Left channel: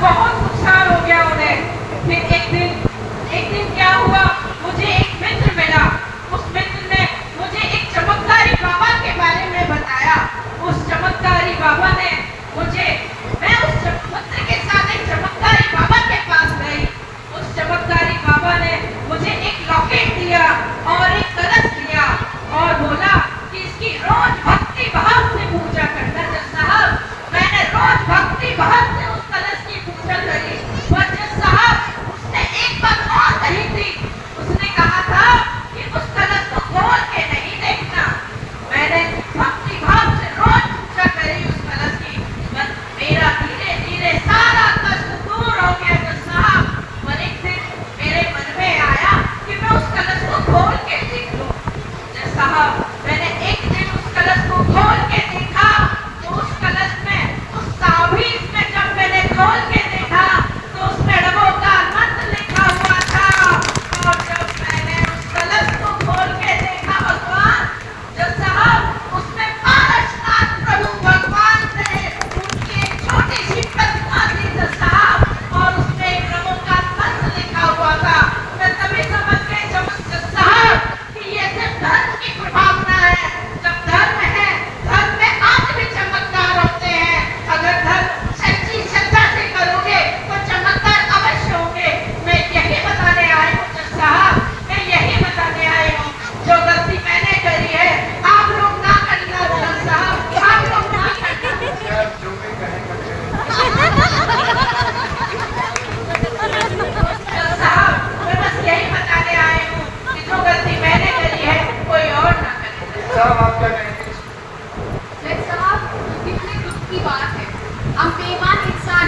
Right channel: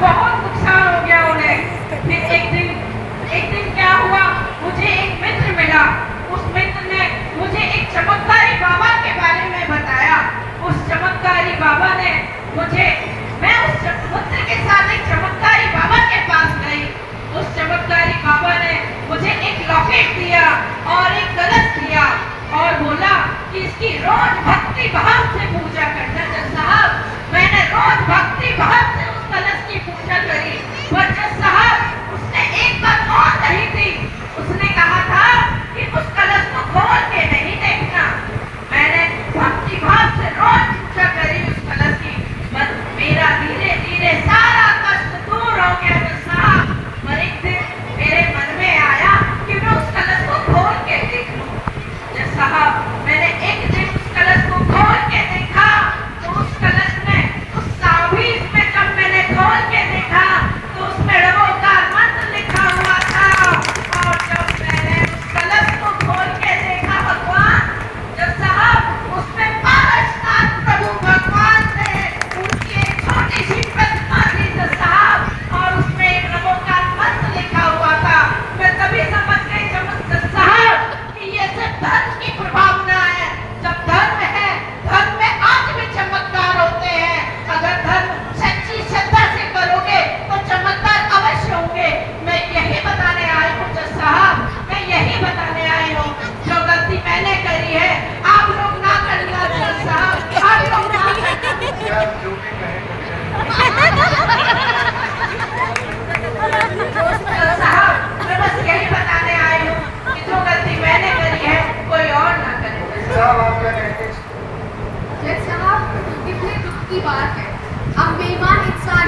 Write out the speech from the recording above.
बहुत नुकसान हो गया उन्हें। फिर एक दिन क्या हुआ, मुझे एक मित्र मिला। उस मित्र ने मुझे एक चमत्कारी बाबा के बारे में बताया। उस चमत्कारी बाबा ने मुझे, मैं उस पुत्र के साथ एक चमत्कारी बाबा के पास गई। उस चमत्कारी बाबा ने मुझे एक लॉकेट दिया और एक कलश दिया और बोला कि इसकी रोज भक्ति भाव से पूजा करना। जज साहब, मैंने रोज भक्ति भाव से उस कलश की पूजा करी। पर जज साहब, उसने एक बात और कही थी। उसने कहा था कि उस कलश को खोल के नहीं देखना। मैंने भक्ति भाव से रोज पूजा करी उस कलश की, पर मेरा धीरे धीरे सारा कष्ट दूर हो गया जज साहब। पर एक दिन मेरे मन में आया कि मैं उस कलश को खोल के देख लूं। जज साहब, मैंने एक दिन उस कलश को खोल के देखा तो उस कलश में, उस ताबीज में जब मैंने खोल के देखा तो उसमें रवोकार मंत्र लिखा हुआ था। और जब मैंने उस कलश को खोल के देखा भगवान, जज साहब, उसमें पारसनाथ प्रभु भगवान थे। उनकी एक छोटी सी प्रतिमा थी जज साहब, और उसमें एक रवोकार मंत्र लिखा हुआ था। मैं तभी समझ गई जज साहब कि ये सिर्फ धर्म की प्रभावना है। जब धर्म है, धर्म में आज भी चमत्कार होते हैं। अगर धर्म सच्ची श्रद्धा से करोगे तो चमत्कार अवश्य होंगे। मैं यही बताने आई हूँ जज साहब, मैं यही बताने आई हूँ। जो गलती मैंने करी है आप लोग ना करना जज साहब, आप लोग ना करना। जज साहब, मैं बस यही बताने आई हूँ कि जो गलती मैंने करी है कोई और ना करे। जज साहब, कितने दुख की बात है। हम बेईमान इंसान